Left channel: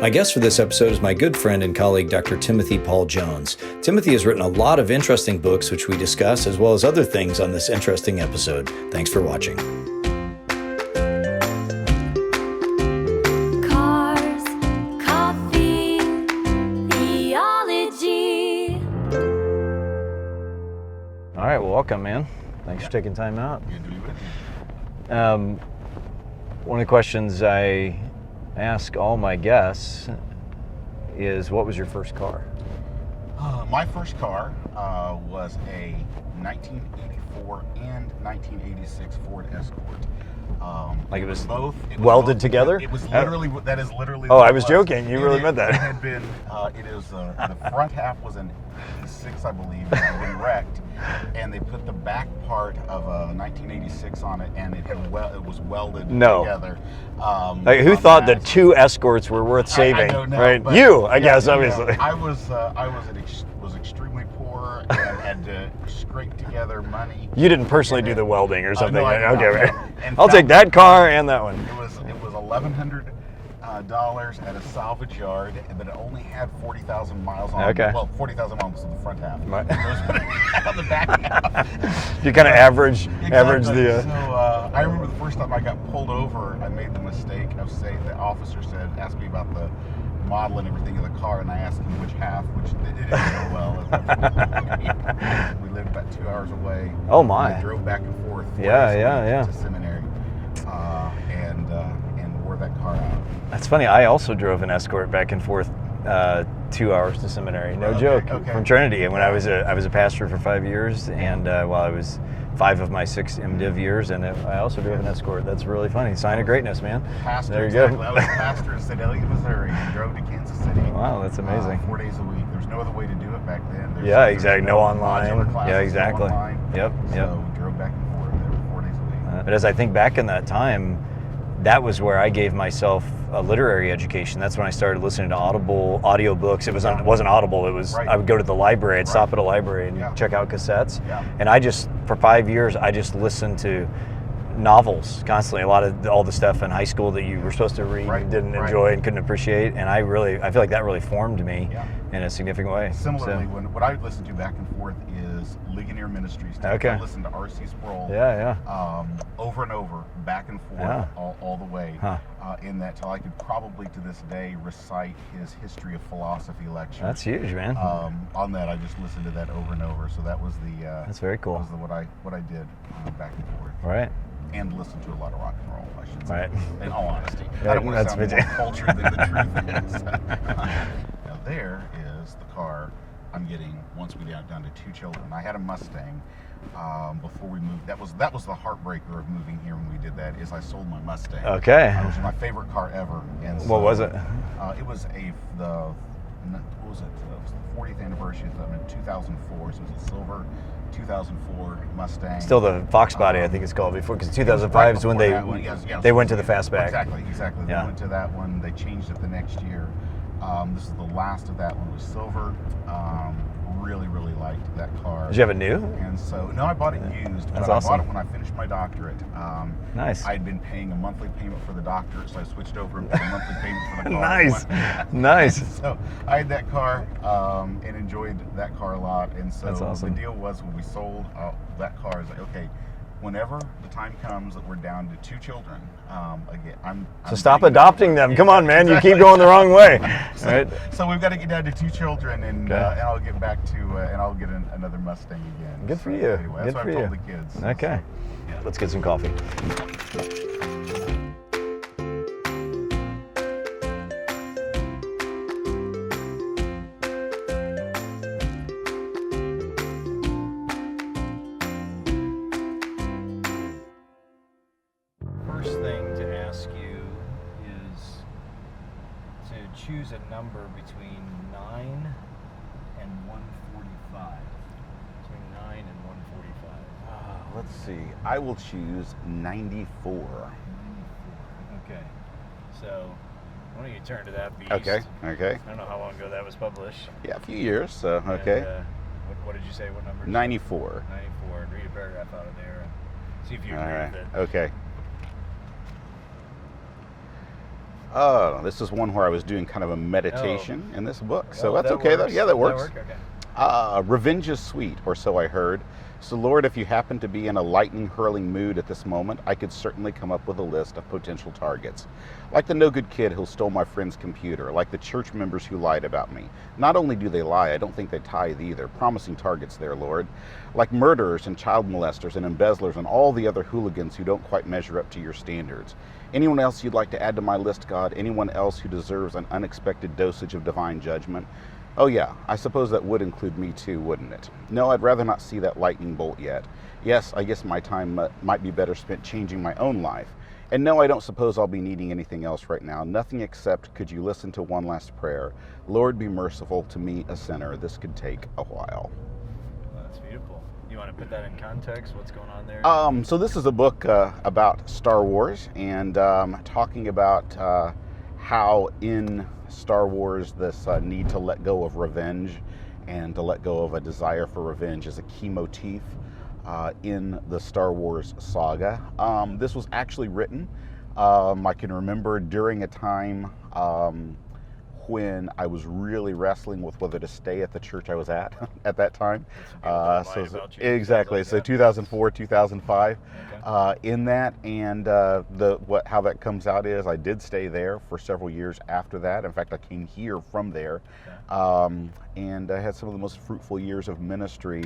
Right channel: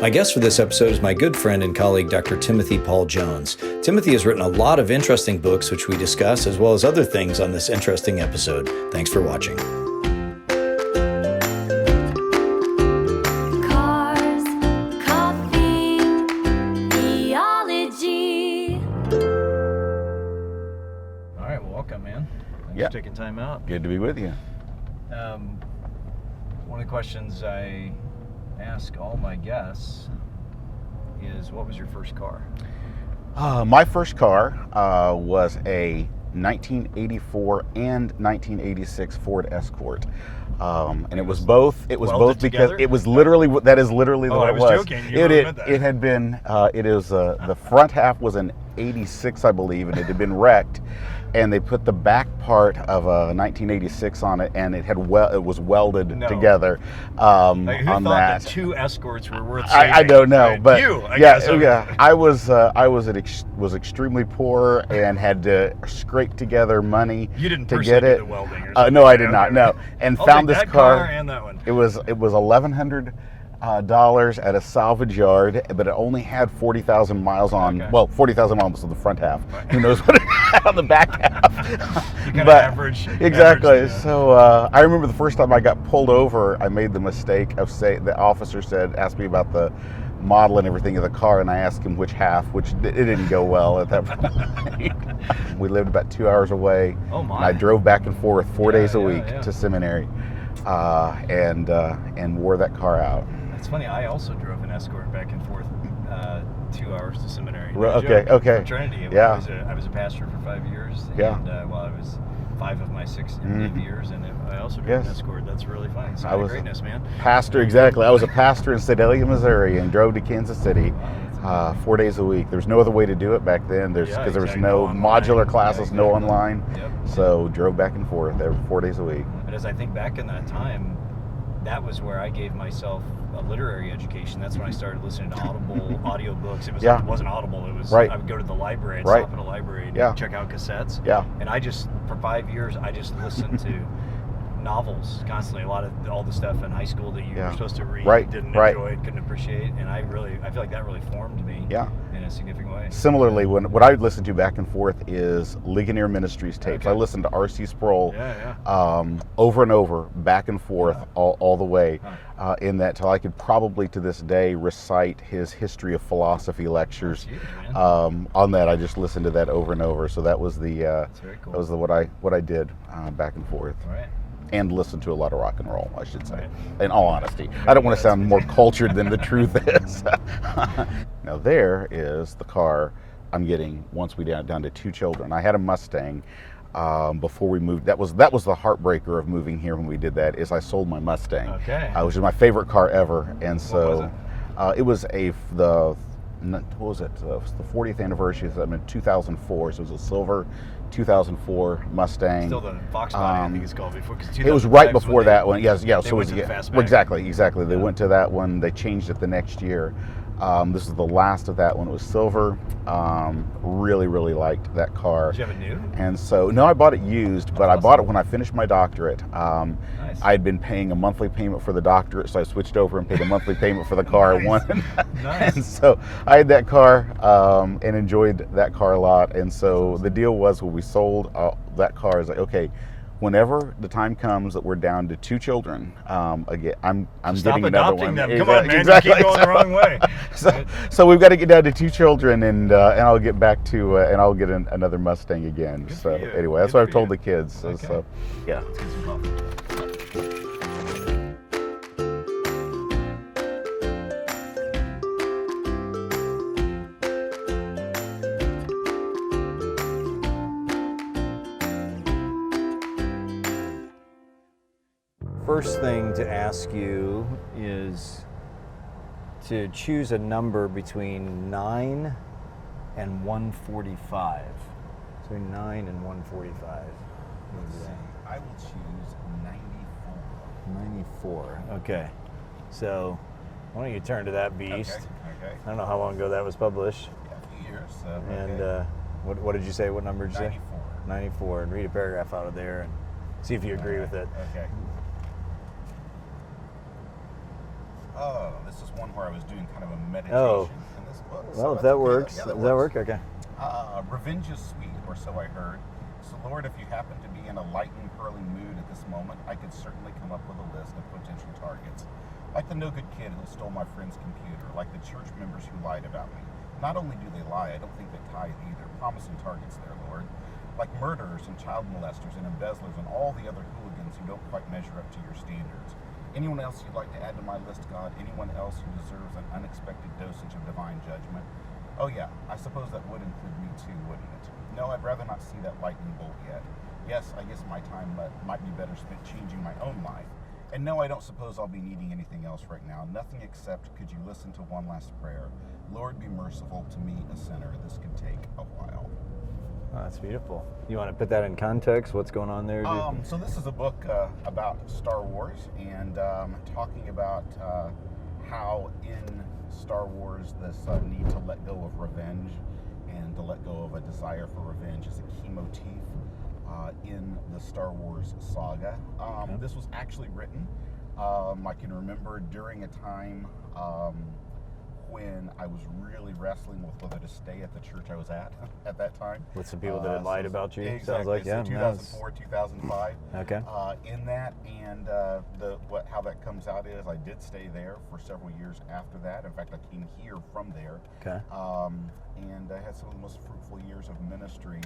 My guest for this episode is my good friend and colleague, Dr. Timothy Paul Jones. Timothy has written a lot of interesting books, which we discuss, as well as other things on this interesting episode. Thanks for watching. Cars, coffee, theology. All right, well, welcome, man. Thanks for taking time out. Good to be with you. One of the questions I ask all my guests is, what was your first car? My first car was a 1984 and 1986 Ford Escort. And it was both. It was welded both together? It was literally. That is literally. Oh, what I it was joking. You really meant that. It had been. It is. The front half was an '86, I believe, and it had been wrecked. And they put the back part of a 1986 on it, and it was welded together. Who thought that two Escorts were worth saving? I don't know, right? but you, I guess. Obviously. I was extremely poor and had to scrape together money. You didn't personally do the welding or something? No, I did not. Okay, No. right. And I'll take that car and that one. It was $1,100 at a salvage yard, but it only had 40,000 miles on. Okay. Well, 40,000 miles on the front half. Right. Who knows what it had on the back half? You kind of average. Exactly. Average So I remember the first time I got pulled over, I made the mistake of saying, the officer asked me about the model and everything of the car, and I asked him which half, which it didn't go well at that point. We lived about 2 hours away. Oh my! I drove back and forth 4 days a week to seminary, and wore that car out. That's funny. I also drove an Escort back and forth 2 hours to seminary. No joke. Okay. From Trinity, and when I was a pastor for 5 years, and while I was 5 of my 6 MDiv years, and I also drove an Escort. That's really funny. Sign of greatness, man. Pastor, exactly. I was a pastor in Sedalia, Missouri, and drove to Kansas City. Wow, that's amazing. 4 days a week. There's no other way to do it back then. There's exactly. no online. modular classes, no exactly. online. Yep. So drove back and forth every 4 days a week. But as I think back in that time, that was where I gave myself a literary education. That's when I started listening to Audible audiobooks. It wasn't Audible. It was I would go to the library. I'd stop at a library and check out cassettes. Yeah. And for 5 years, I just listened to novels constantly. A lot of all the stuff in high school that you were supposed to read, didn't enjoy and couldn't appreciate. And I feel like that really formed me in a significant way. Similarly, what I listened to back and forth is Ligonier Ministries tapes. I listened to R.C. Sproul over and over, back and forth, all the way, in that till I could probably to this day recite his history of philosophy lectures. That's huge, man. On that, I just listened to that over and over. So that was that's very cool. That was what I did back and forth. All right. And listen to a lot of rock and roll, I should say. Right. In all honesty. I don't want to sound more cultured than the truth is. Now there is the car I'm getting once we down to 2 children. I had a Mustang before we moved. That was the heartbreaker of moving here when we did that, is I sold my Mustang. Okay. Which was my favorite car ever. And so, what was it? It was the 40th anniversary is in 2004, so it was a silver 2004 Mustang. Still the Fox body, I think it's called before. Because it was right before that one. Yes. They went to the fastback. Exactly. They went to that one. They changed it the next year. This is the last of that one. It was silver. Really, really liked that car. Did you have a new? And so, no, I bought it used, but I bought it when I finished my doctorate. Nice. I'd been paying a monthly payment for the doctorate, so I switched over and paid a monthly payment for the car. Nice. And so I had that car and enjoyed that car a lot. And so the deal was, when we sold that car, I was like, okay, whenever the time comes that we're down to 2 children, again, I'm stop adopting them. Come on, man, you keep going the wrong way. So we've got to get down to 2 children, and I'll get back to and I'll get another Mustang again. Good for you. Anyway, that's what I've told the kids. Okay. So. Yeah, let's get some coffee. First thing to ask you is to choose a number between 9 and 145. Between 9 and 145. Let's see. I will choose 94. 94. Okay. So, why don't you turn to that beast? Okay. I don't know how long ago that was published. Yeah, a few years. Okay. And, what did you say? What number? 94. 94. And read a paragraph out of there and see if you agree with it. Okay. This is one where I was doing kind of a meditation in this book. So that's that okay. Works. Yeah, that works. Okay. Revenge is sweet, or so I heard. So, Lord, if you happen to be in a lightning-hurling mood at this moment, I could certainly come up with a list of potential targets. Like the no-good kid who stole my friend's computer, like the church members who lied about me. Not only do they lie, I don't think they tithe either. Promising targets there, Lord. Like murderers and child molesters and embezzlers and all the other hooligans who don't quite measure up to your standards. Anyone else you'd like to add to my list, God? Anyone else who deserves an unexpected dosage of divine judgment? Oh yeah, I suppose that would include me too, wouldn't it? No, I'd rather not see that lightning bolt yet. Yes, I guess my time might be better spent changing my own life. And no, I don't suppose I'll be needing anything else right now. Nothing except, could you listen to one last prayer? Lord, be merciful to me, a sinner. This could take a while. Oh, that's beautiful. You want to put that in context? What's going on there? So this is a book about Star Wars and talking about how in Star Wars this need to let go of revenge and to let go of a desire for revenge is a key motif in the Star Wars saga. This was actually written, I can remember during a time when I was really wrestling with whether to stay at the church I was at that time. With some people that lied about you. Exactly. Like, so 2004, 2005. Okay. In that, and how that comes out is I did stay there for several years after that. In fact, I came here from there. Okay. And I had some of the most fruitful years of ministry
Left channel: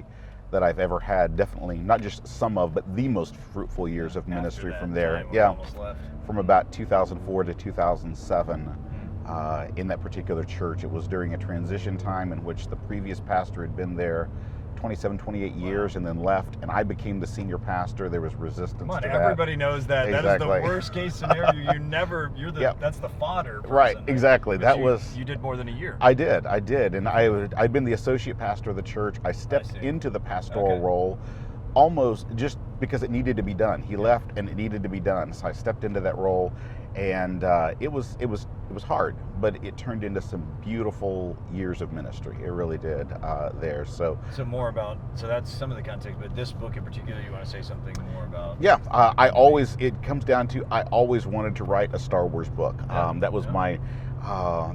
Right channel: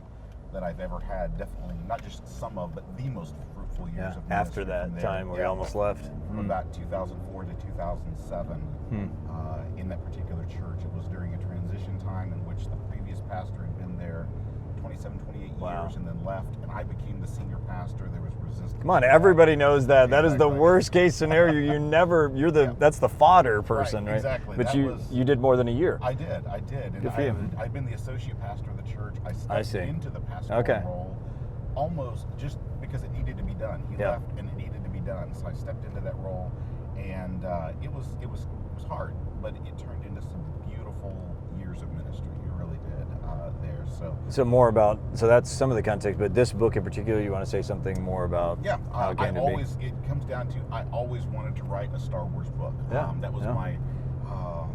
that I've ever had. Definitely not just some of, but the most fruitful years of ministry from there. Yeah, almost left. From about 2004 to 2007 in that particular church. It was during a transition time in which the previous pastor had been there 27, 28 years and then left, and I became the senior pastor. There was resistance. Come on, to everybody knows that. Exactly. That is the worst case scenario. That's the fodder person. Right, exactly. But that you did more than a year. I did, and I'd been the associate pastor of the church. I stepped into the pastoral role almost just because it needed to be done. He left, and it needed to be done. So I stepped into that role, and it was hard, but it turned into some beautiful years of ministry. It really did there. So more about, so that's some of the context, but this book in particular, you want to say something more about? Yeah, it comes down to, I always wanted to write a Star Wars book. That was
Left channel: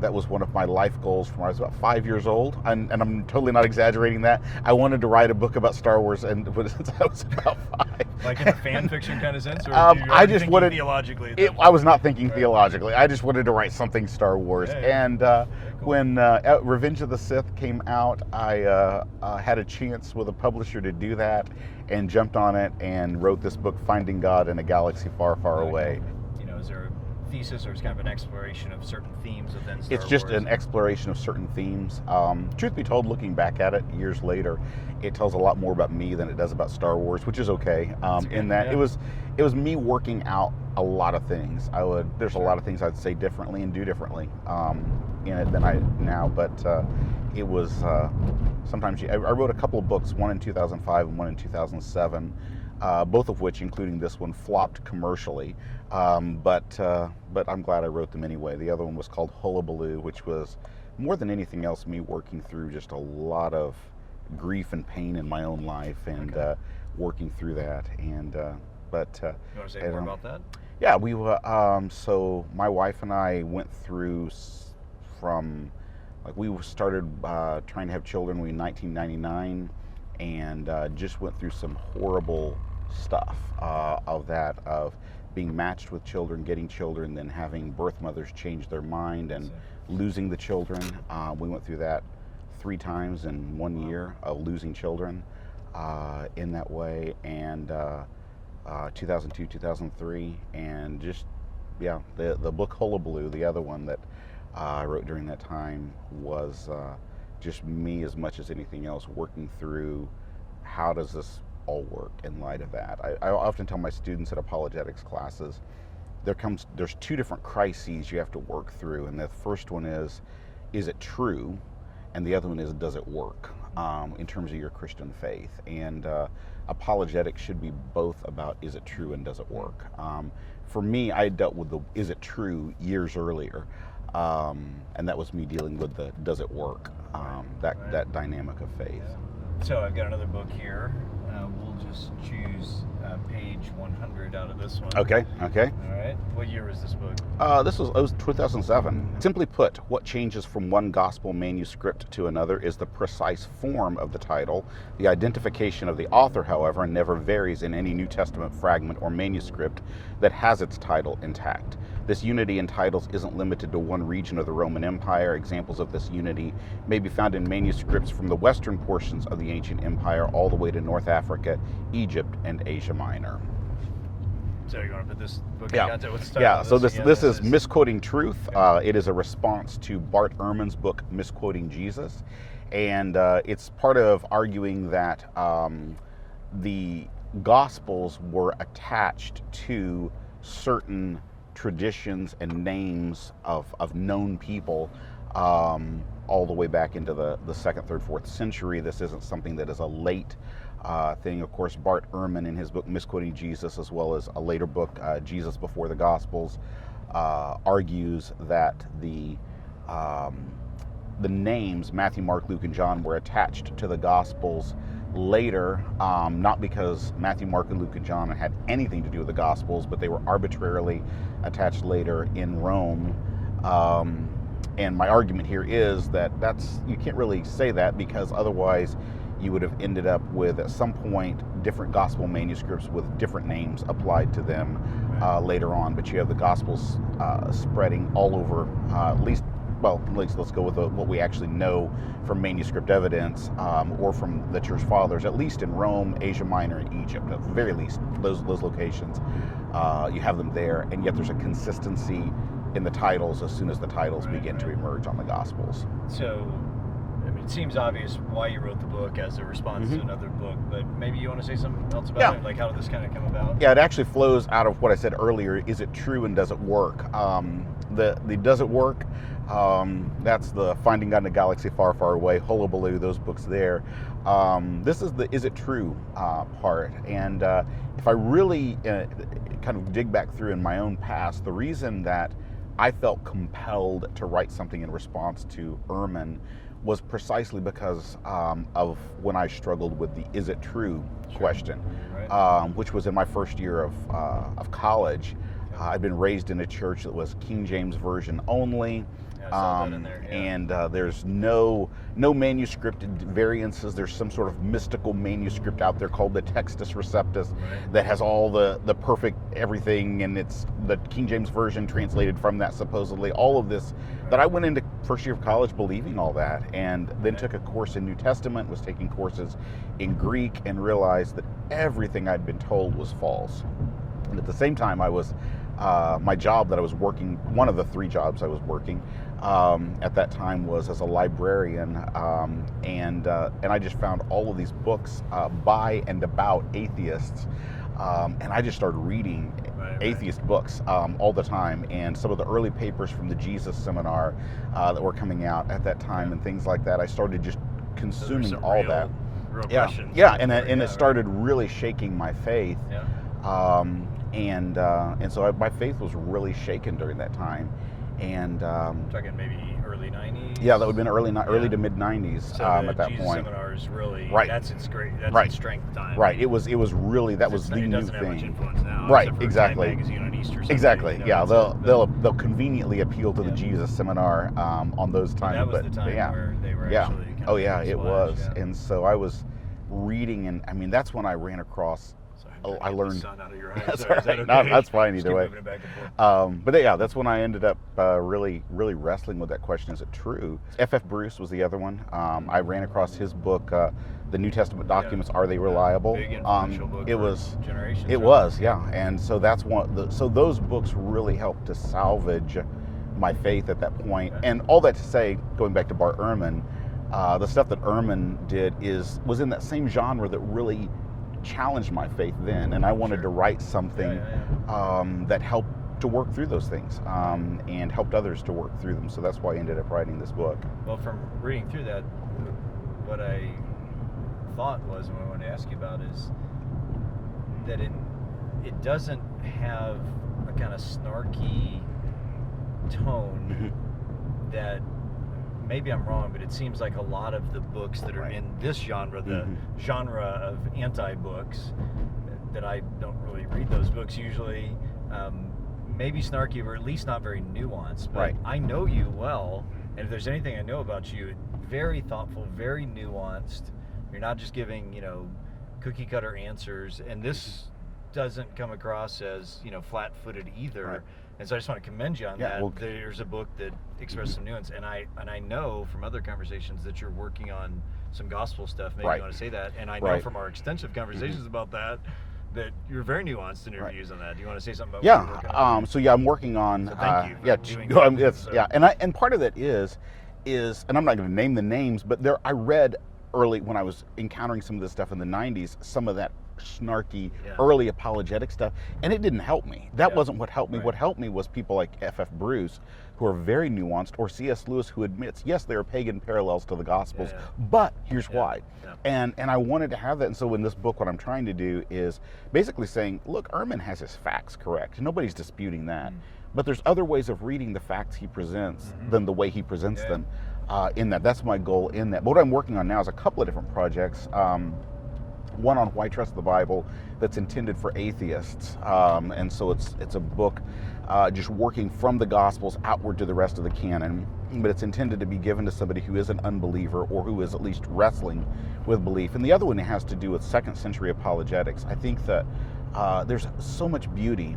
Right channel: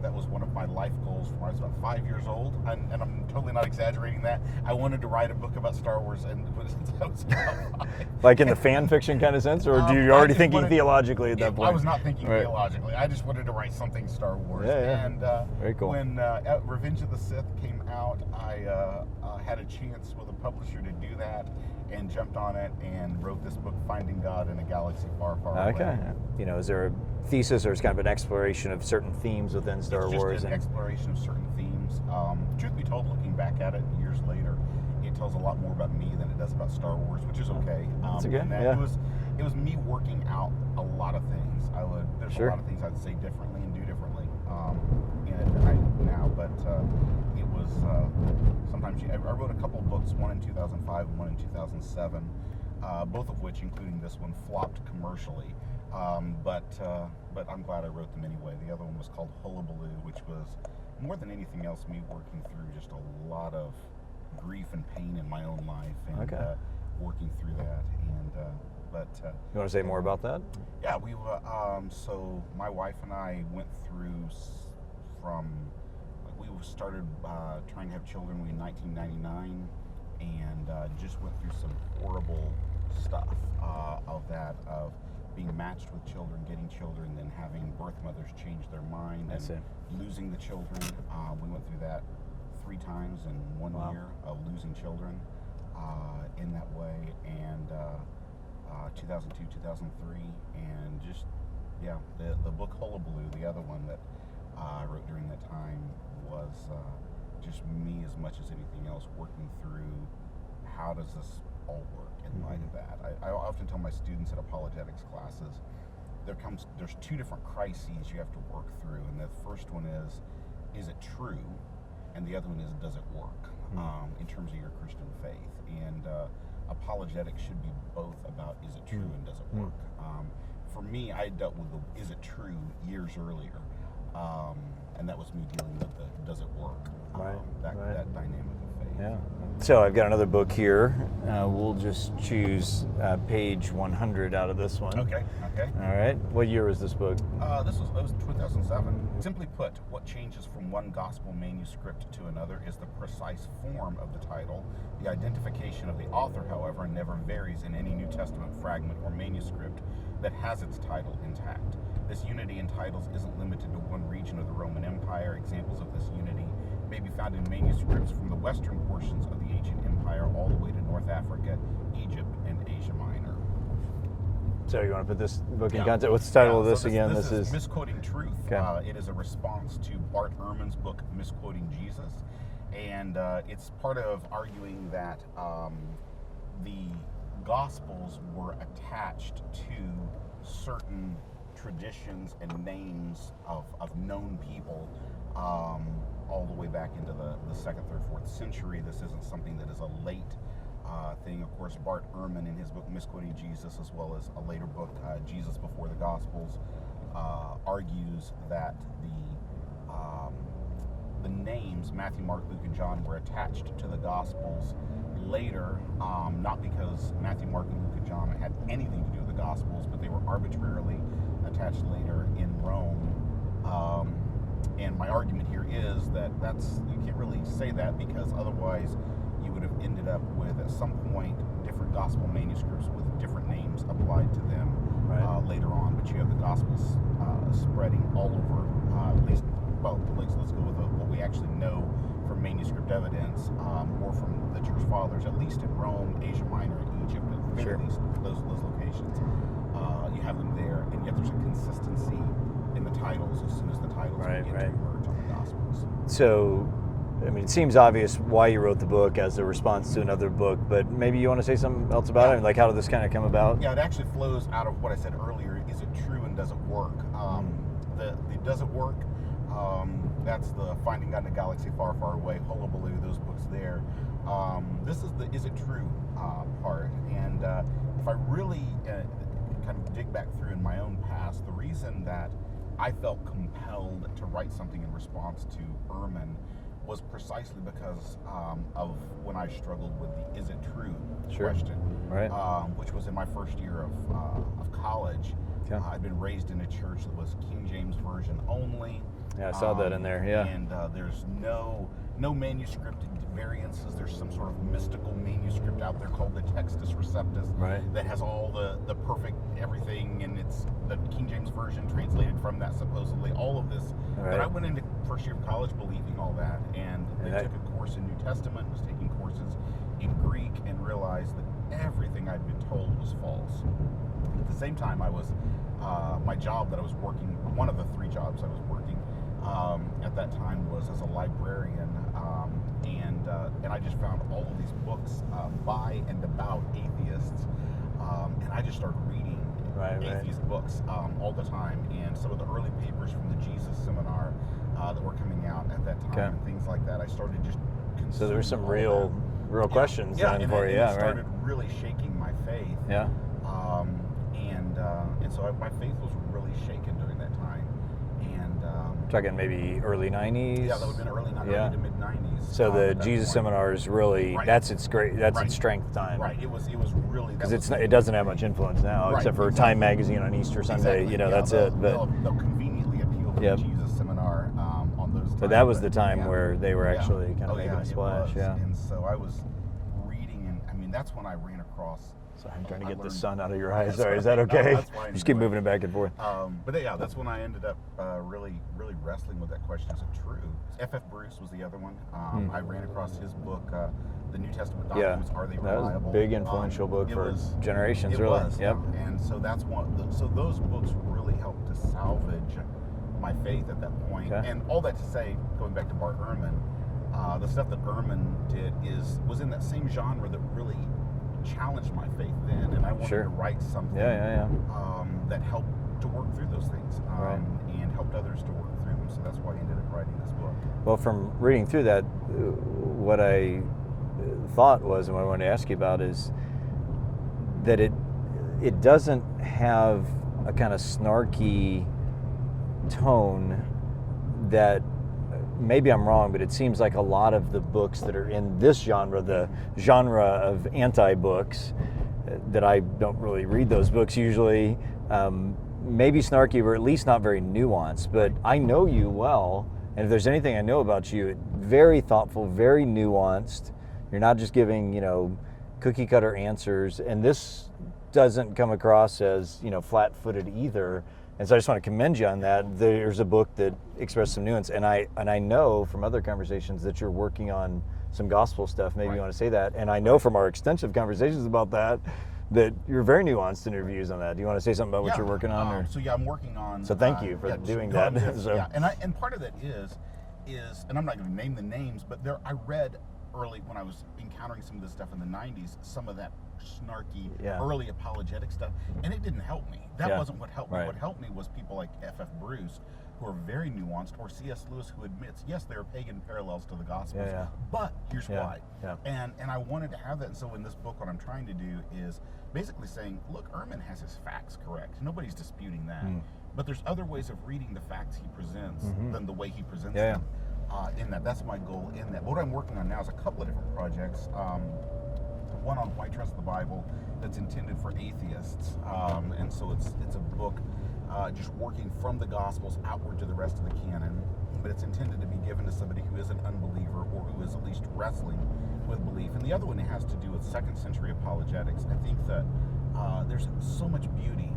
that was one of my life goals from when I was about 5 years old, and I'm totally not exaggerating that. I wanted to write a book about Star Wars since I was about 5. Like in the fan fiction kind of sense, or do you already think theologically at that point? I was not thinking theologically. I just wanted to write something Star Wars. And very cool. When Revenge of the Sith came out, I had a chance with a publisher to do that, and jumped on it and wrote this book, Finding God in a Galaxy Far, Far Away. You know, is there a thesis, or it's kind of an exploration of certain themes within Star Wars? It's just an exploration of certain themes. Truth be told, looking back at it years later, it tells a lot more about me than it does about Star Wars, which is okay. It was me working out a lot of things. There's a lot of things I'd say differently and do differently in it than I now, but it was sometimes I wrote a couple of books, one in 2005 and one in 2007. Both of which, including this one, flopped commercially. But I'm glad I wrote them anyway. The other one was called Hullabaloo, which was more than anything else me working through just a lot of grief and pain in my own life, and working through that. And you want to say more about that? Yeah, we so my wife and I went through we started trying to have children in 1999, and just went through some horrible stuff of being matched with children, getting children, then having birth mothers change their mind and losing the children. We went through that 3 times in 1 year of losing children in that way, and 2002, 2003, and just the book Hullabaloo, the other one that I wrote during that time, was just me as much as anything else working through how does this all work in light of that. I often tell my students at apologetics classes, there's 2 different crises you have to work through, and the first one is it true, and the other one is, does it work in terms of your Christian faith. And apologetics should be both about, is it true and does it work. For me, I dealt with the is it true years earlier, and that was me dealing with the does it work, that dynamic of faith. Yeah. So I've got another book here, We'll just choose page 100 out of this one. Okay. All right. What year was this book? This was 2007. Simply put, what changes from one gospel manuscript to another is the precise form of the title. The identification of the author, however, never varies in any New Testament fragment or manuscript that has its title intact. This unity in titles isn't limited to one region of the Roman Empire. Examples of this unity may be found in manuscripts from the western portions of the ancient empire all the way to North Africa, Egypt, and Asia Minor. So you want to put this book in context? What's the title of this again? This is Misquoting Truth. Okay. It is a response to Bart Ehrman's book, Misquoting Jesus. And it's part of arguing that the Gospels were attached to certain traditions and names of known people all the way back into the 2nd, 3rd, 4th century. This isn't something that is a late thing. Of course, Bart Ehrman in his book Misquoting Jesus, as well as a later book, Jesus Before the Gospels, argues that the names Matthew, Mark, Luke, and John were attached to the Gospels later, not because Matthew, Mark, and Luke, and John had anything to do with the Gospels, but they were arbitrarily attached later in Rome. And my argument here is that you can't really say that, because otherwise you would have ended up with, at some point, different gospel manuscripts with different names applied to them later on. But you have the Gospels spreading all over, let's go with what we actually know from manuscript evidence, or from the church fathers, at least in Rome, Asia Minor, and Egypt, at the very least, those locations. You have them there, and yet there's a consistency in the titles as soon as the titles begin to emerge on the Gospels. So, I mean, it seems obvious why you wrote the book as a response to another book, but maybe you want to say something else about it? Like, how did this kind of come about? Yeah, it actually flows out of what I said earlier. Is it true, and does it work? The does it work? That's the Finding God in a Galaxy Far, Far Away, Hullabaloo, those books there. This is the is it true part. And if I really kind of dig back through in my own past, the reason that I felt compelled to write something in response to Ehrman was precisely because of when I struggled with the is it true question, which was in my first year of college. I'd been raised in a church that was King James Version only. Yeah, I saw that in there. Yeah. And there's no manuscript variances. There's some sort of mystical manuscript out there called the Textus Receptus that has all the perfect everything, and it's the King James Version translated from that supposedly. All of this that I went into first year of college believing all that, and then took a course in New Testament, was taking courses in Greek, and realized that everything I'd been told was false. And at the same time, I was my job that I was working, one of the 3 jobs I was working at that time, was as a librarian, and I just found all of these books by and about atheists, and I just started reading atheist books all the time, and some of the early papers from the Jesus Seminar that were coming out at that time and things like that. I started just consuming some all that. Real questions. Yeah, and it started really shaking my faith. Yeah. And so my faith was really shaken during that time. And talking maybe early 90s. Yeah, that would have been early to mid 90s. So the Jesus Seminar is really that's its strength time. Right. It was really that was. It doesn't have much influence now, right? Except for exactly. Time Magazine on Easter Sunday. Exactly. You know, yeah, they'll conveniently appeal to the Jesus Seminar on those times. But that was the time where they were actually. Oh yeah, it was. Yeah. And so I was reading, and I mean that's when I ran across. I learned the sun out of your eyes. Sorry, is that okay? No, that's fine. Just keep moving it back and forth. But yeah, that's when I ended up really wrestling with that question: is it true? F.F. Bruce was the other one. I ran across his book, The New Testament Documents. Are they reliable? Big influential book. It was generations. It was, yeah. And so that's one. So those books really helped to salvage my faith at that point. Yeah. And all that to say, going back to Bart Ehrman, the stuff that Ehrman did was in that same genre that really challenged my faith then, and I wanted to write something that helped to work through those things, and helped others to work through them. So that's why I ended up writing this book. Well, from reading through that, what I thought was, and what I wanted to ask you about, is that it doesn't have a kind of snarky tone that maybe I'm wrong, but it seems like a lot of the books that are in this genre, the genre of anti-books, that I don't really read those books usually, maybe snarky or at least not very nuanced, but I know you well, and if there's anything I know about you, very thoughtful, very nuanced. You're not just giving, you know, cookie cutter answers, and this doesn't come across as, you know, flat-footed either. And so I just want to commend you on that. Well, there's a book that expresses some nuance, and I know from other conversations that you're working on some gospel stuff. Maybe you want to say that. And I know from our extensive conversations about that you're very nuanced in your views on that. Do you want to say something about what you're working on? So I'm working on. So thank you for doing that. And part of that is, and I'm not going to name the names, but I read early when I was encountering some of this stuff in the 90s, some of that snarky early apologetic stuff, and it didn't help me. That wasn't what helped me. What helped me was people like F.F. Bruce, who are very nuanced, or C.S. Lewis, who admits, yes, there are pagan parallels to the Gospels, but here's why. And I wanted to have that, and so in this book, what I'm trying to do is basically saying, look, Ehrman has his facts correct. Nobody's disputing that. But there's other ways of reading the facts he presents than the way he presents them. In that, that's my goal in that. But what I'm working on now is a couple of different projects. One on why trust the Bible that's intended for atheists, and so it's a book just working from the Gospels outward to the rest of the canon, but it's intended to be given to somebody who is an unbeliever or who is at least wrestling with belief. And the other one has to do with second century apologetics. I think that there's so much beauty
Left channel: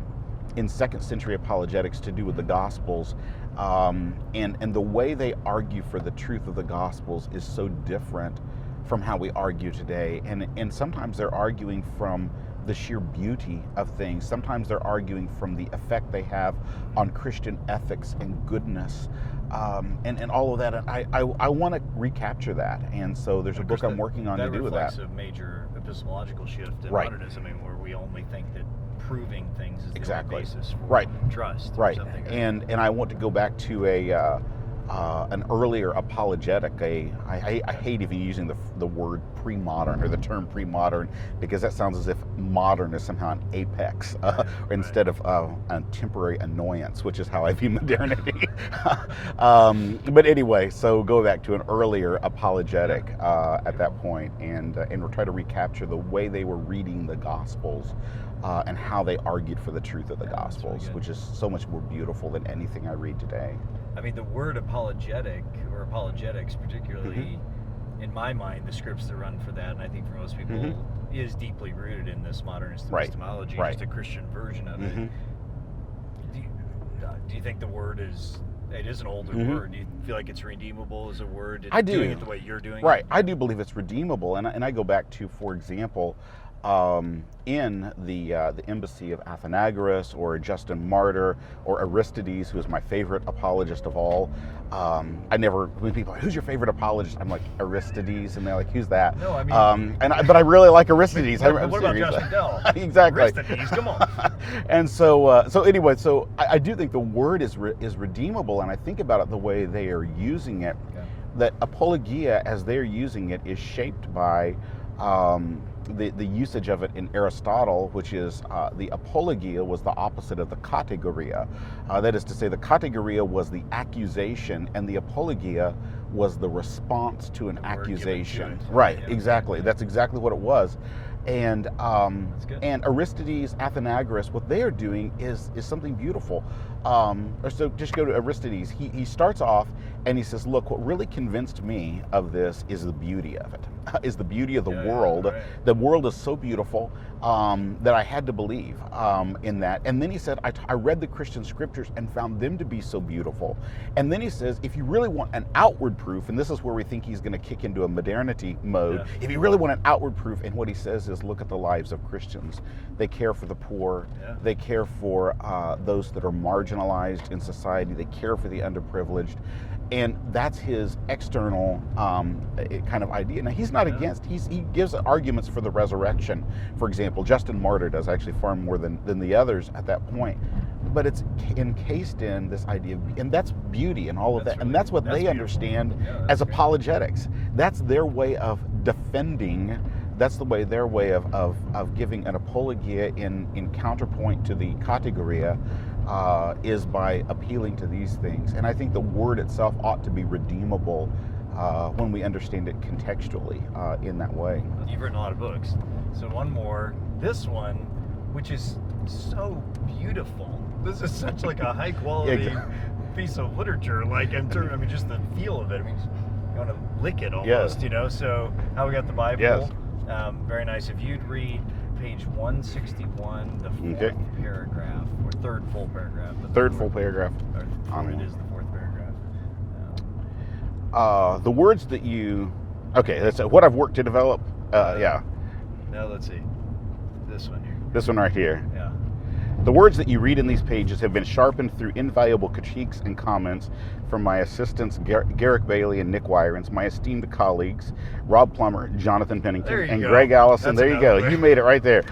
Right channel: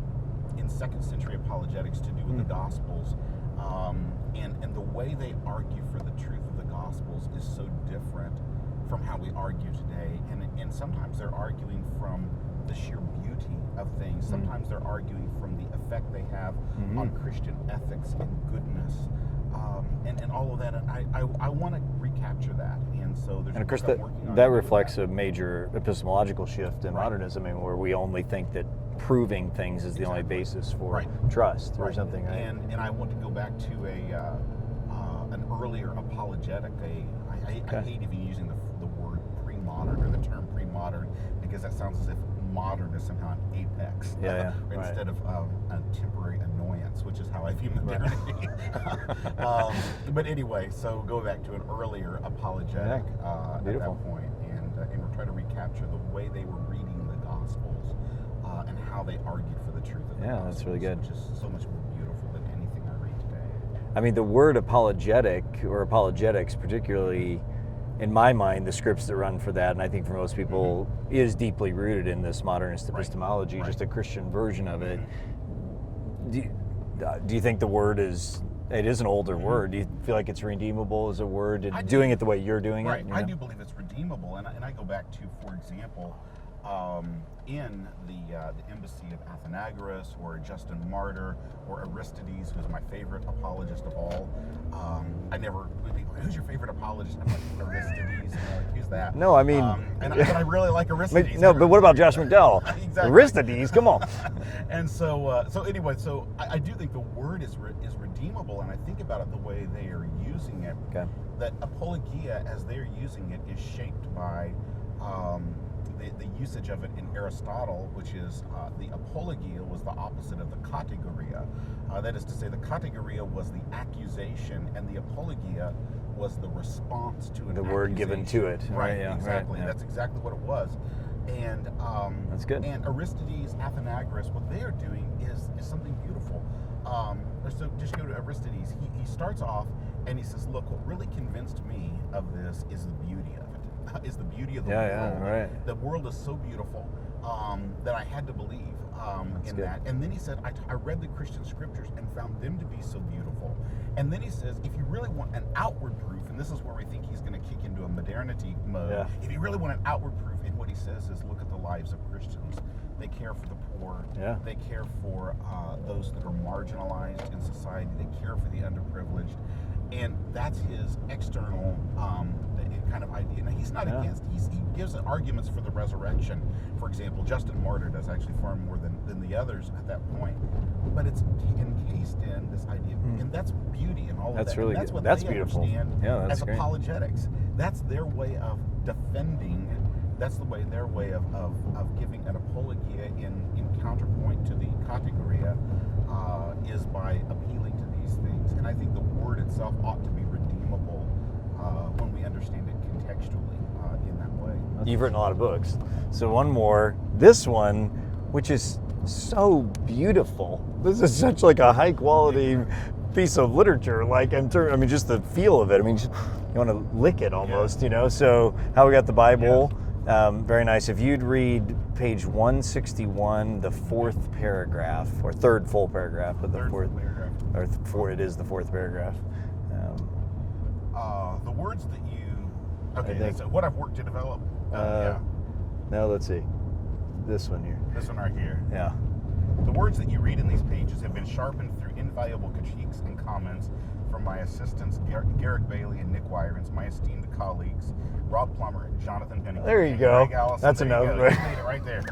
in second century apologetics to do with the Gospels, and the way they argue for the truth of the Gospels is so different from how we argue today, and sometimes they're arguing from the sheer beauty of things. Sometimes they're arguing from the effect they have on Christian ethics and goodness, and all of that. And I want to recapture that, and so there's a book I'm working on. That reflects a major epistemological shift in modernism, where we only think that proving things is the only basis for trust. Or something. And I want to go back to an earlier apologetic. I hate even using the word pre-modern or the term pre-modern, because that sounds as if modern is somehow an apex instead of a temporary annoyance, which is how I view modernity. But anyway, so go back to an earlier apologetic at that point, and we'll try to recapture the way they were reading the Gospels and how they argued for the truth of the Gospels, which is so much more beautiful than anything I read today. I mean, the word apologetic or apologetics, particularly in my mind, the scripts that run for that, and I think for most people, is deeply rooted in this modernist epistemology, just a Christian version of it. Do you think the word is an older word? Do you feel like it's redeemable as a word? Doing it the way you're doing it? I do believe it's redeemable, and I go back to, for example, in the embassy of Athenagoras, or Justin Martyr, or Aristides, who is my favorite apologist of all. When people are like, who's your favorite apologist? I'm like, Aristides, and they're like, who's that? No, I mean, but I really like Aristides. But what about Josh McDowell? Exactly. Aristides, come on. And so anyway, I do think the word is redeemable, and I think about it the way they are using it. That apologia, as they're using it, is shaped by the usage of it in Aristotle, which is the apologia was the opposite of the kategoria. That is to say, the kategoria was the accusation, and the apologia was the response to an accusation. Word given to it. Right, exactly. That's exactly what it was. And that's good. And Aristides, Athenagoras, what they are doing is something beautiful. So just go to Aristides. He starts off and he says, look, what really convinced me of this is the beauty of it, is the beauty of the world. The world is so beautiful that I had to believe in that. And then he said, I read the Christian scriptures and found them to be so beautiful. And then he says, if you really want an outward proof, and this is where we think he's going to kick into a modernity mode, if you really want an outward proof, and what he says is, look at the lives of Christians. They care for the poor. They care for those that are marginalized in society. They care for the underprivileged. And that's his external kind of idea. Now, he's not against, he gives arguments for the resurrection. For example, Justin Martyr does actually far more than the others at that point. But it's encased in this idea, and that's beauty and all of that. And that's what they understand as apologetics. That's their way of defending. That's their way of giving an apologia in counterpoint to the kategoria, is by appealing to these things. And I think the word itself ought to be redeemable when we understand it contextually in that way. You've written a lot of books. So one more, this one, which is so beautiful. This is such like a high quality piece of literature, like I mean, just the feel of it. I mean, you want to lick it almost, you know? So How We Got the Bible, very nice. If you'd read page 161, the fourth paragraph, or third full paragraph. But third full paragraph. Or it is the fourth paragraph. The words that you, that's what I've worked to develop. Now let's see. This one here. This one right here. Yeah. The words that you read in these pages have been sharpened through invaluable critiques and comments from my assistants Garrick Bailey and Nick Wyrens, my esteemed colleagues Rob Plummer, Jonathan Pennington, and Greg Allison. There you go. You made it right there.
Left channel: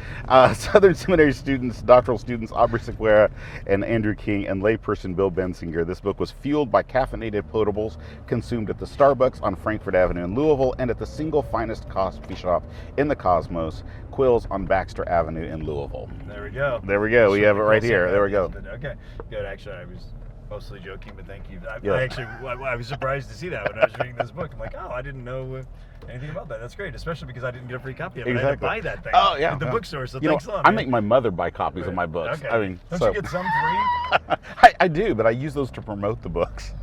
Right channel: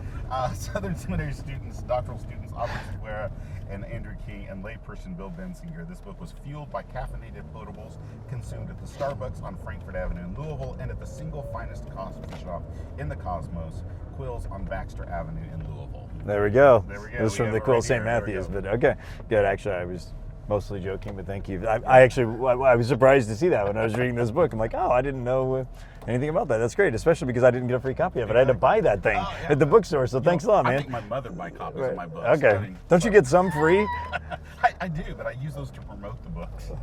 Southern Seminary students, doctoral students Aubrey Sequeira and Andrew King, and layperson Bill Bensinger. This book was fueled by caffeinated potables consumed at the Starbucks on Frankfort Avenue in Louisville and at the single finest coffee shop in the cosmos, Quills on Baxter Avenue in Louisville. There we go. There we go. We have it right here. There we go. But, okay, good. Actually, I was mostly joking, but thank you. I was surprised to see that when I was reading this book. I'm like, oh, I didn't know anything about that. That's great, especially because I didn't get a free copy of it. I had to buy that thing at the bookstore, so thanks a lot, man. I make my mother buy copies of my books. Okay. I mean, don't you get some free? I do, but I use those to promote the books.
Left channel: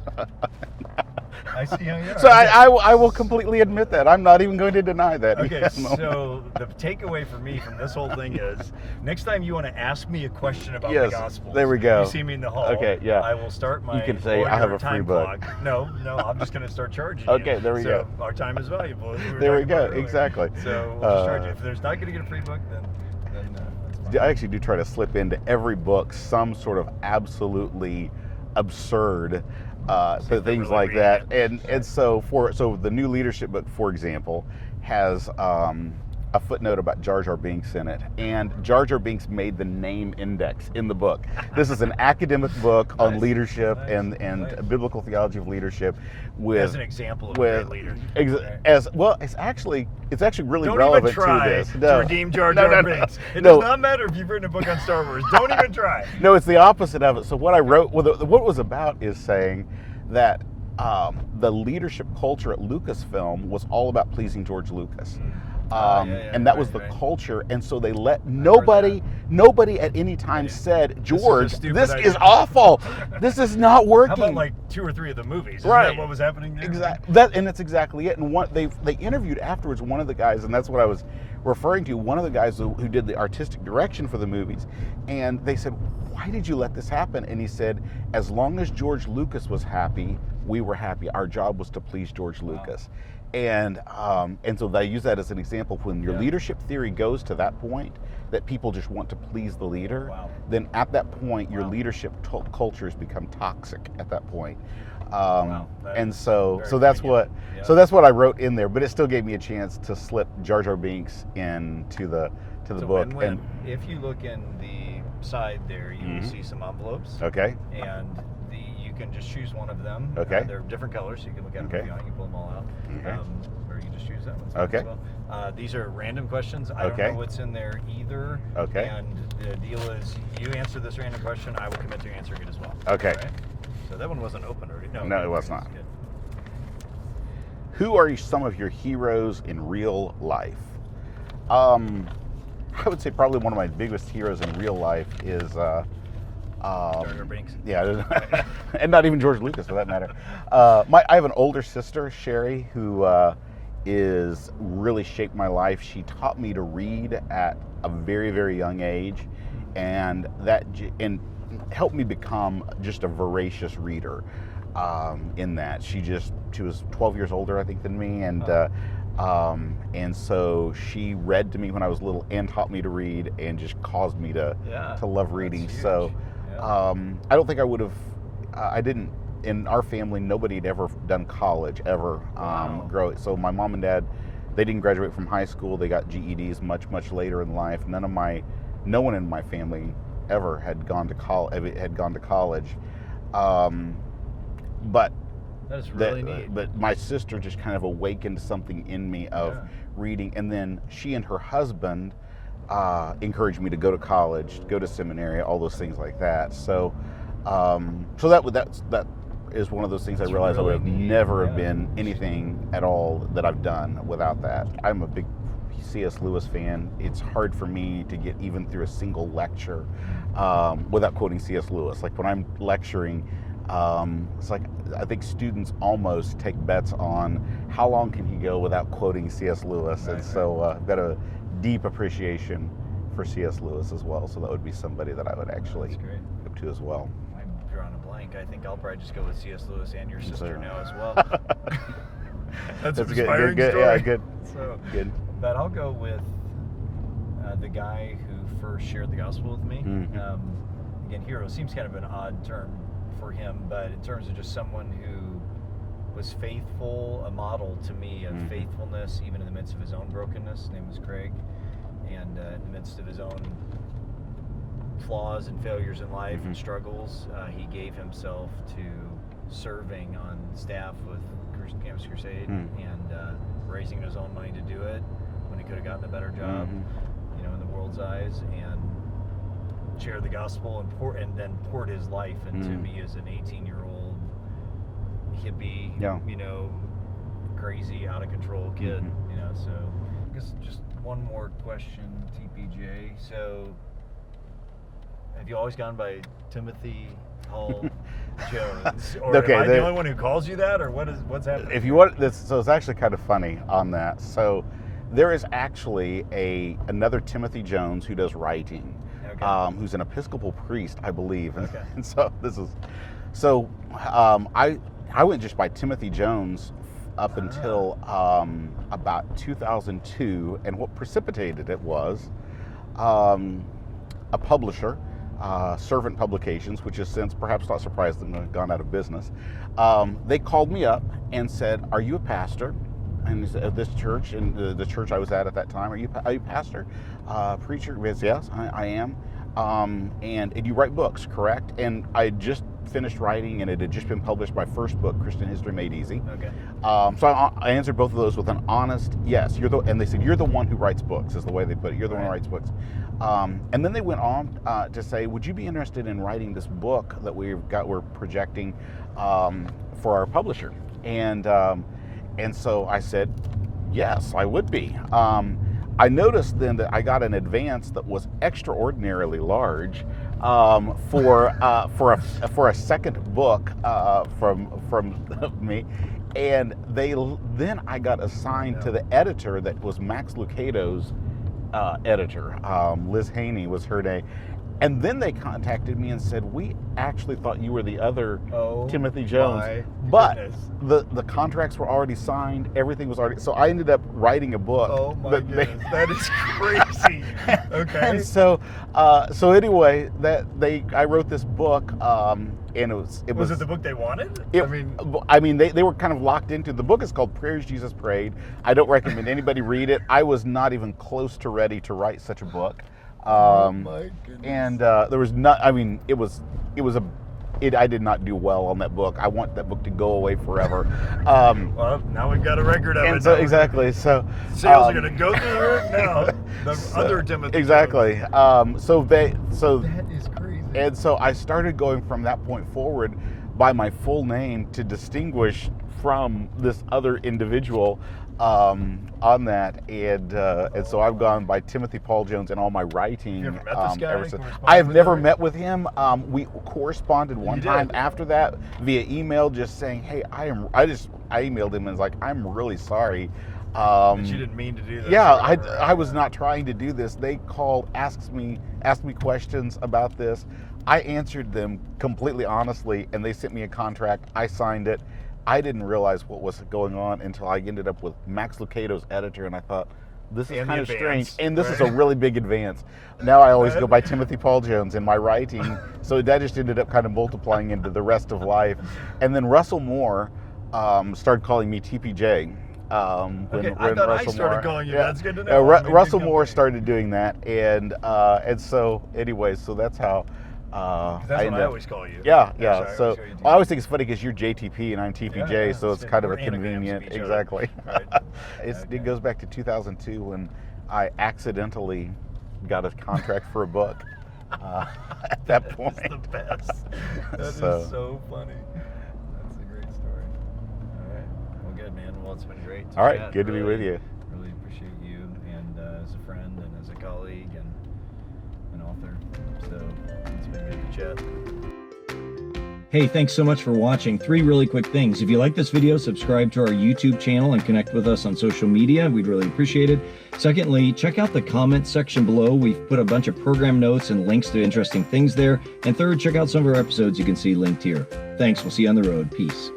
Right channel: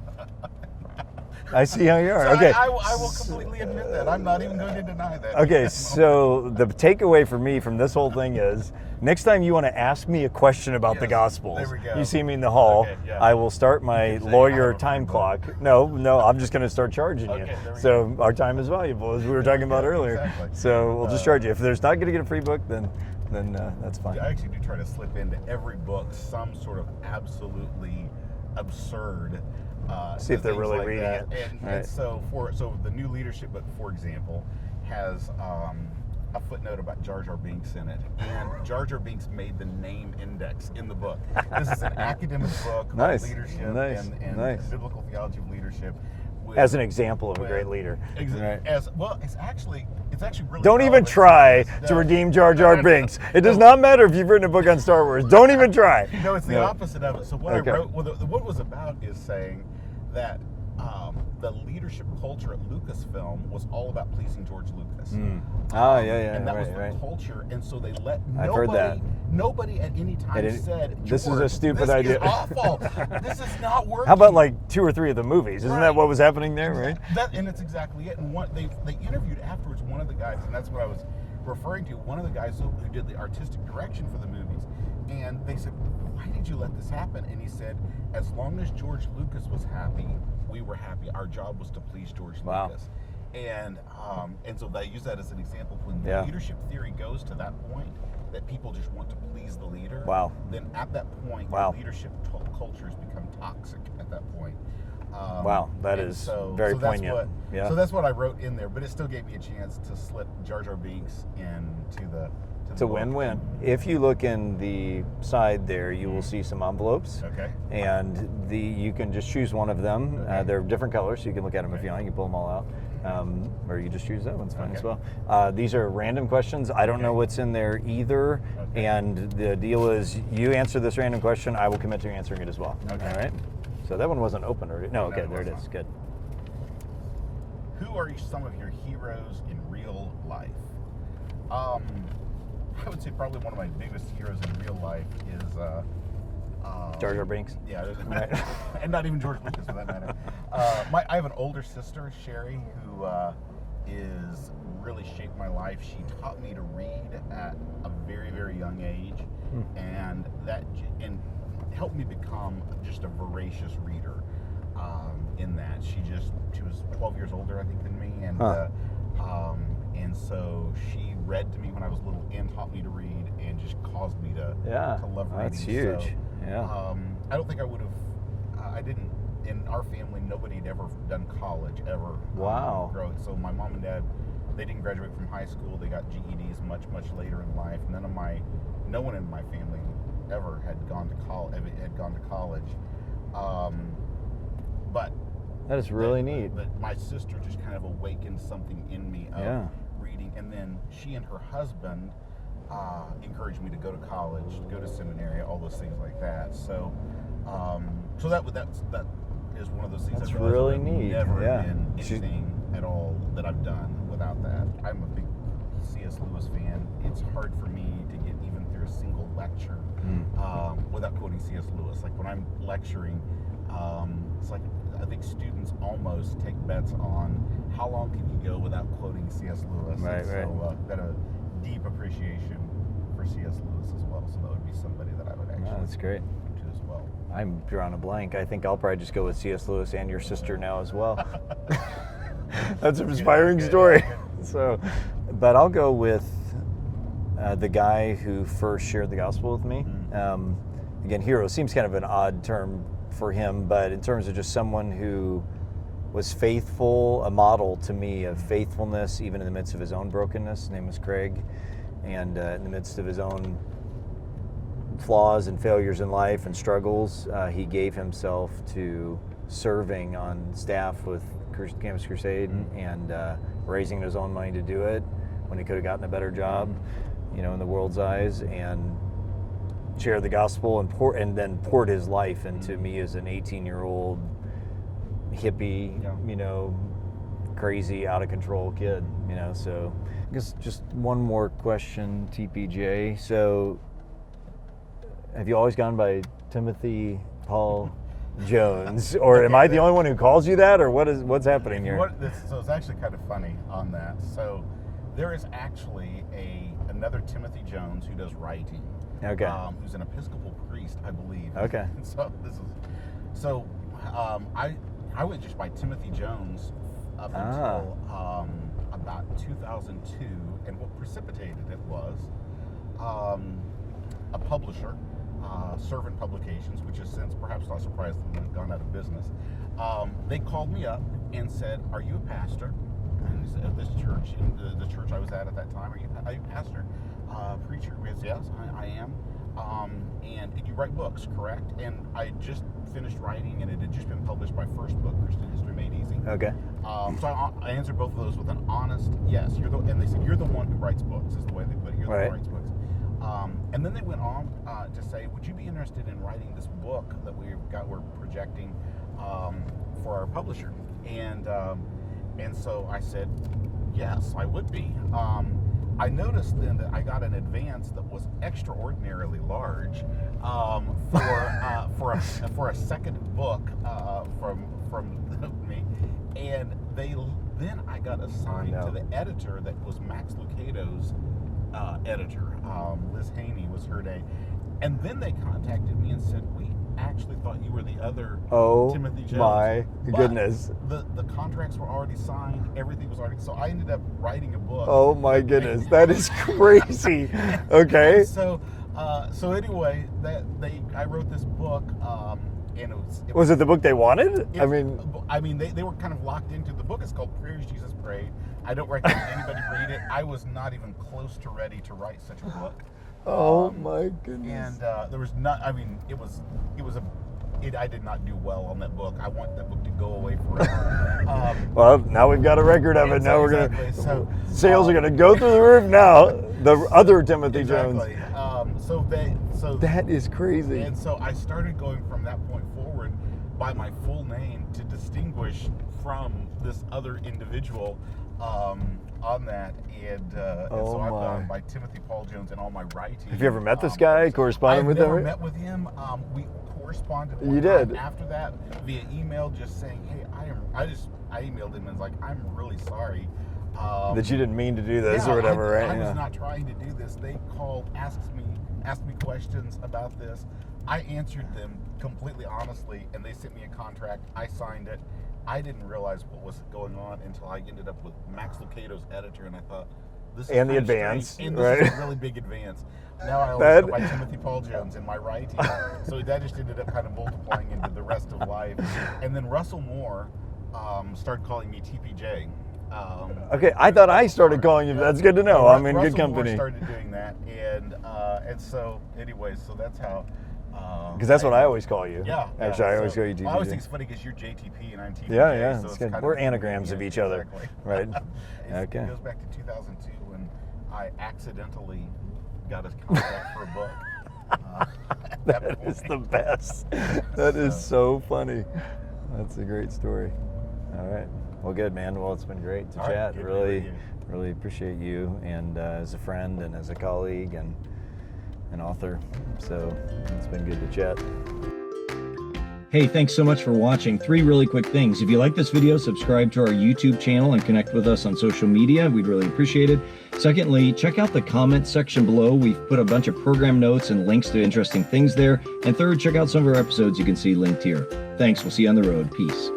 I see how you are. So I will completely admit that. I'm not even going to deny that. Okay, so the takeaway for me from this whole thing is, next time you want to ask me a question about the Gospels, there we go. You see me in the hall, I will start my lawyer time clock. No, I'm just going to start charging you. Okay, there we go. So our time is valuable, as we were talking about earlier. Exactly. So we'll just charge you. If there's not going to get a free book, then that's fine. I actually do try to slip into every book some sort of absolutely absurd things like that, and so the new leadership book, for example, has a footnote about Jar Jar Binks in it, and Jar Jar Binks made the name index in the book. This is an academic book on leadership and biblical theology of leadership, as an example of a great leader. As well, it's actually really don't even try to redeem Jar Jar Binks. It does not matter if you've written a book on Star Wars. Don't even try. No, it's the opposite of it. So what I wrote, what it was about, is saying that the leadership culture at Lucasfilm was all about pleasing George Lucas. And that was the culture, and so they let nobody at any time said, George, this is awful. This is not working. How about like 2 or 3 of the movies? Isn't that what was happening there? Exactly. Right? And that's exactly it. And they interviewed afterwards one of the guys, and that's what I was referring to, one of the guys who did the artistic direction for the movies, and they said, why did you let this happen? And he said, as long as George Lucas was happy, we were happy. Our job was to please George Lucas. And so they use that as an example. When your leadership theory goes to that point, that people just want to please the leader, then at that point your leadership cultures become toxic at that point. So that's what I wrote in there, but it still gave me a chance to slip Jar Jar Binks into the book. Win-win. If you look in the side there, you will see some envelopes. Okay. And you can just choose one of them. Okay. They're different colors, so you can look at them if you want. You can pull them all out. Or you can just choose that one as well. These are random questions. I don't know what's in there either. Okay. And the deal is, you answer this random question, I will commit to answering it as well. Okay. All right? So that one wasn't open already. No, it was not. Good. Who are some of your heroes in real life? I would say probably one of my biggest heroes in real life is Jar Jar Binks. Yeah, and not even George Lucas for that matter. I have an older sister, Sherry, who is really shaped my life. She taught me to read at a very, very young age, and helped me become just a voracious reader. In that she was 12 years older, I think, than me, and so she read to me when I was little and taught me to read and just caused me to love reading. That's huge. So I don't think I would have. I didn't. In our family, nobody had ever done college ever. So my mom and dad, they didn't graduate from high school. They got GEDs much later in life. No one in my family ever had gone to college. But that is really neat. But my sister just kind of awakened something in me of reading, and then she and her husband encouraged me to go to college, go to seminary, all those things like that. So, so that is one of those things I realized really I would neat. never have been anything at all that I've done without that. I'm a big C.S. Lewis fan. It's hard for me to get even through a single lecture without quoting C.S. Lewis. Like when I'm lecturing, it's like I think students almost take bets on how long can you go without quoting C.S. Lewis. Right, so I've got a deep appreciation for C.S. Lewis as well. So that would be somebody that I would actually go to as well. I'm drawing a blank. I think I'll probably just go with C.S. Lewis and your sister now as well. That's an inspiring story. Yeah, good. So, good. But I'll go with the guy who first shared the gospel with me. Again, hero seems kind of an odd term for him, but in terms of just someone who was faithful, a model to me of faithfulness, even in the midst of his own brokenness. His name was Craig, and in the midst of his own flaws and failures in life and struggles, he gave himself to serving on staff with Campus Crusade and raising his own money to do it when he could have gotten a better job, you know, in the world's eyes, and shared the gospel and then poured his life into me as an 18-year-old hippie, you know, crazy, out of control kid, you know. So I guess just one more question, TPJ. So have you always gone by Timothy Paul Jones, or am I the only one who calls you that, or what's happening? If you want this, so it's actually kind of funny on that. So there is actually another Timothy Jones who does writing, who's an Episcopal priest, I believe. Okay. And so I went just by Timothy Jones up until about 2002, and what precipitated it was a publisher. Servant Publications, which has since, perhaps not surprised them, gone out of business. They called me up and said, "Are you a pastor?" And he said, "At this church," and the church I was at that time, "Are you a pastor, preacher?" Yes, I am. And you write books, correct? And I had just finished writing, and it had just been published, my first book, Christian History Made Easy. Okay. So I answered both of those with an honest yes. And they said, "You're the one who writes books," is the way they put it. You're the one who writes books. And then they went on to say, "Would you be interested in writing this book that we're projecting for our publisher?" And so I said, yes, I would be. I noticed then that I got an advance that was extraordinarily large for a second book from me, and then I got assigned to the editor that was Max Lucado's editor. Liz Haney was her name. And then they contacted me and said, "We actually thought you were the other Timothy Jones." My goodness. The contracts were already signed. Everything was already. So I ended up writing a book. Oh my goodness, that is crazy. Okay. And so anyway, I wrote this book, and it was it the book they wanted? I mean, they were kind of locked into. The book is called Prayers Jesus Prayed. I don't recommend anybody read it. I was not even close to ready to write such a book. Oh my goodness! And there was not. I mean, I did not do well on that book. I want that book to go away forever. Well, now we've got a record of it. So, exactly. So sales are going to go through the roof now. The other Timothy exactly. Jones. So that is crazy. And so I started going from that point forward by my full name to distinguish from this other individual. On that, and so I've gone by Timothy Paul Jones in all my writing. Have you ever met this guy? Corresponded? I've never met with him. We corresponded one time after that via email, just saying, "Hey, I emailed him and was like, I'm really sorry that you didn't mean to do this." Yeah, or whatever, right? I was not trying to do this. They called, asked me questions about this. I answered them completely honestly, and they sent me a contract. I signed it. I didn't realize what was going on until I ended up with Max Lucado's editor, and I thought, this is kind of strange, and this is a really big advance. Now I always go by Timothy Paul Jones in my writing, so that just ended up kind of multiplying into the rest of life. And then Russell Moore started calling me TPJ. Okay, I thought I started calling you. Yeah. That's good to know. Russell Moore started doing that, and so anyway, so that's how. Because that's what I always call you. Yeah. Actually, I always call you TPJ. I always think it's funny because you're JTP and I'm TPJ, so it's kind of anagrams of each other. Exactly. Right. It goes back to 2002 when I accidentally got a contract for a book. At that point. That is the best. That is so funny. That's a great story. All right. Well, good, man. Well, it's been great to chat. All right. Good to be with you. Really appreciate you, and as a friend and as a colleague and an author. So it's been good to chat. Hey, thanks so much for watching. 3 really quick things. If you like this video, subscribe to our YouTube channel and connect with us on social media. We'd really appreciate it. Secondly, check out the comments section below. We've put a bunch of program notes and links to interesting things there. And third, check out some of our episodes you can see linked here. Thanks. We'll see you on the road. Peace.